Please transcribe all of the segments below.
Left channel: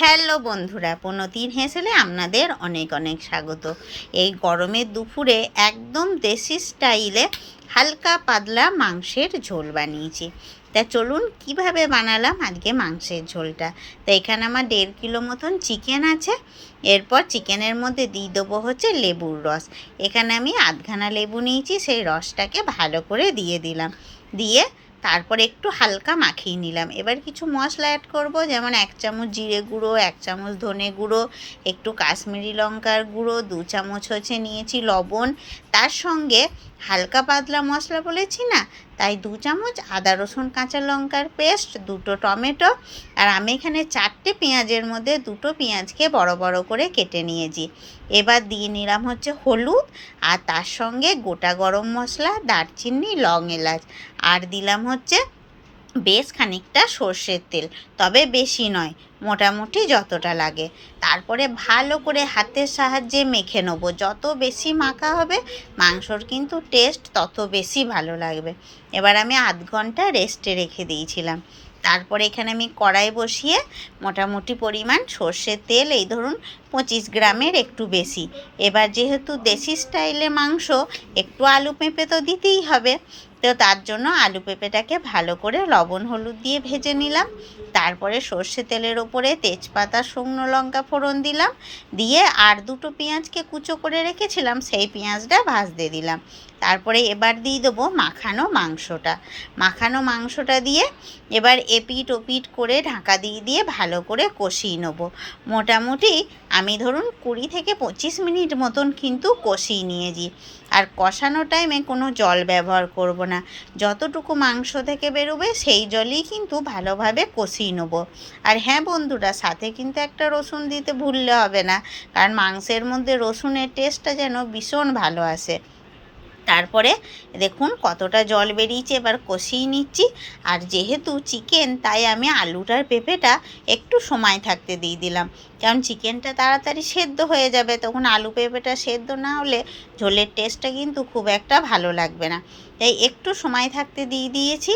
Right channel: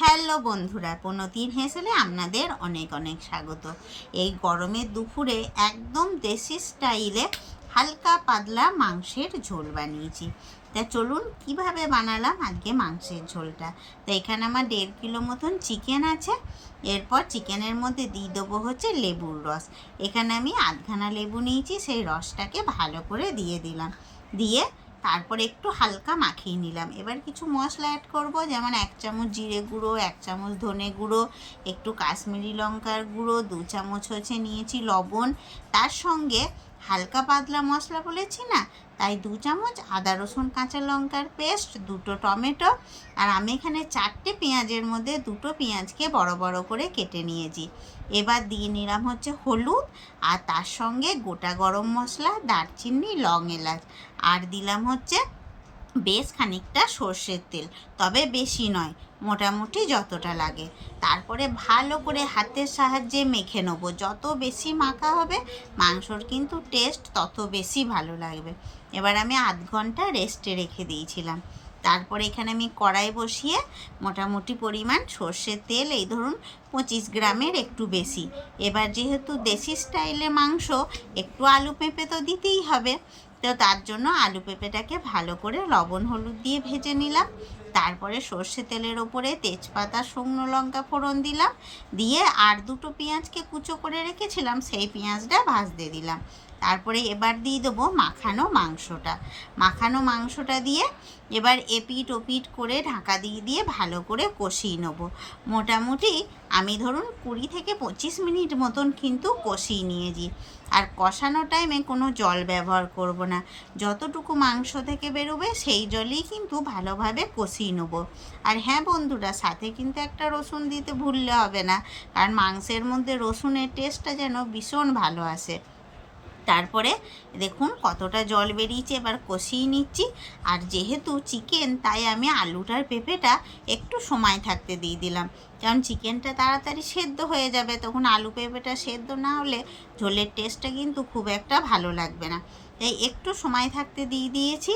Hello বন্ধুরা পনতির হেসেলে আপনাদের অনেক অনেক স্বাগত। এই গরমের দুপুরে একদম দেশি স্টাইলে হালকা পাতলা মাংসের ঝোল বানিয়েছি। তা চলুন কীভাবে বানালাম আজকে মাংসের ঝোলটা? তা এখানে আমার দেড় কিলো মতন চিকেন আছে, এরপর চিকেনের মধ্যে দিয়ে দেবো হচ্ছে লেবুর রস। এখানে আমি আধখানা লেবু নিয়েছি, সেই রসটাকে ভালো করে দিয়ে দিলাম। দিয়ে তারপরে একটু হালকা মাখিয়ে নিলাম। এবার কিছু মশলা অ্যাড করব, যেমন এক চামচ জিরে গুঁড়ো, এক চামচ ধনে গুঁড়ো, একটু কাশ্মীরি লঙ্কার গুঁড়ো, দু চামচ হচ্ছে নিয়েছি লবণ। তার সঙ্গে হালকা পাতলা মশলা বলেছি না? তাই দু চামচ আদা, রসুন, কাঁচা লঙ্কার পেস্ট, দুটো টমেটো আর আমি এখানে চারটে পেঁয়াজের মধ্যে দুটো পেঁয়াজকে বড় বড় করে কেটে নিয়েছি। এবার দিয়ে নিলাম হচ্ছে হলুদ আর তার সঙ্গে গোটা গরম মশলা, দারচিনি, লং এলাচ। আর দিলাম হচ্ছে বেশ খানিকটা সর্ষের তেল, তবে বেশি নয়, মোটামুটি যতটা লাগে। তারপরে ভালো করে হাতের সাহায্যে মেখে নেব। যত বেশি মাখা হবে, মাংসর কিন্তু টেস্ট তত বেশি ভালো লাগবে। এবার আমি আধ ঘণ্টা রেস্টে রেখে দিয়েছিলাম। তারপরে এখানে আমি কড়াই বসিয়ে মোটামুটি পরিমাণ সর্ষের তেল, এই ধরুন পঁচিশ গ্রামের একটু বেশি। এবার যেহেতু দেশি স্টাইলে মাংস, একটু আলু পেঁপে তো দিতেই হবে। তো তার জন্য আলু পেঁপেটাকে ভালো করে লবণ, হলুদ দিয়ে ভেজে নিলাম। তারপরে সর্ষে তেলের ওপরে তেজপাতা, শুকনো লঙ্কা ফোড়ন দিলাম। দিয়ে আর দুটো পেঁয়াজকে কুচো করে রেখেছিলাম, সেই পেঁয়াজটা ভাজতে দিলাম। তারপরে এবার দিয়ে দেবো মাখানো মাংসটা। মাখানো মাংসটা দিয়ে এবার এপিট ওপিট করে ঢাকা দিয়ে দিয়ে ভালো করে কষিয়ে নেব। মোটামুটি আমি ধরুন কুড়ি থেকে পঁচিশ মিনিট মতন কিন্তু কষিয়ে নিয়েছি। আর কষানো টাইমে কোনো জল ব্যবহার করব না। যতটুকু মাংস থেকে বেরোবে সেই জলই কিন্তু ভালোভাবে কষিয়ে নেব। আর হ্যাঁ বন্ধুরা, সাথে কিন্তু একটা রসুন দিতে ভুললে হবে না। কারণ মাংসের মধ্যে রসুনের টেস্টটা যেন ভীষণ ভালো আসে। তারপরে দেখুন কতটা জল বেরিয়েছে, এবার কষিয়ে নিচ্ছি। আর যেহেতু চিকেন তাই আমি আলুটার পেঁপেটা একটু সময় থাকতে দিয়ে দিলাম। কারণ চিকেনটা তাড়াতাড়ি সেদ্ধ হয়ে যাবে, তখন আলু পেঁপেটা সেদ্ধ না হলে ঝোলের টেস্টটা কিন্তু খুব একটা ভালো লাগবে না। তাই একটু সময় থাকতে দিয়ে দিয়েছি।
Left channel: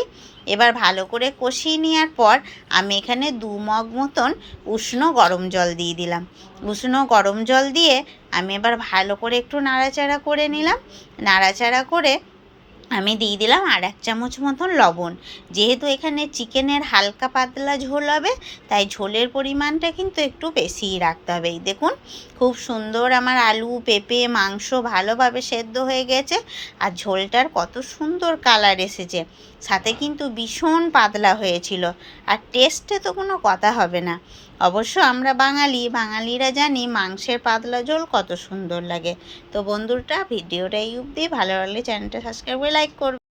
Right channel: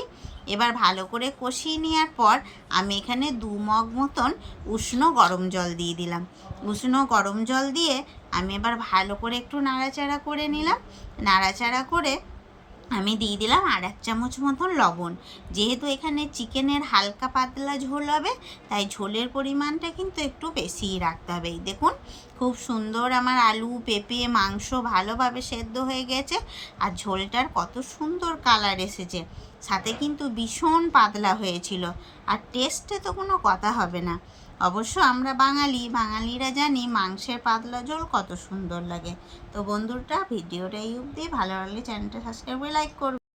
এবার ভালো করে কষিয়ে নেওয়ার পর আমি এখানে দু মগ মতন উষ্ণ গরম জল দিয়ে দিলাম। উষ্ণ গরম জল দিয়ে আমি এবার ভালো করে একটু নাড়াচাড়া করে নিলাম। নাড়াচাড়া করে আমি দিয়ে দিলাম আর এক চামচ মতন লবণ। যেহেতু এখানে চিকেনের হালকা পাতলা ঝোল হবে, তাই ঝোলের পরিমাণটা কিন্তু একটু বেশিই রাখতে হবে। এই দেখুন, খুব সুন্দর আমার আলু, পেঁপে, মাংস ভালোভাবে সেদ্ধ হয়ে গেছে আর ঝোলটার কত সুন্দর কালার এসেছে। সাথে কিন্তু ভীষণ পাতলা হয়েছিল। আর টেস্টে তো কোনো কথা হবে না। অবশ্য আমরা বাঙালি, বাঙালিরা জানি মাংসের পাতলা ঝোল কত সুন্দর লাগে। তো বন্ধুরটা ভিডিওটা এই অবধি। ভালো লাগলে চ্যানেলটা সাবস্ক্রাইব করে লাইক করবে।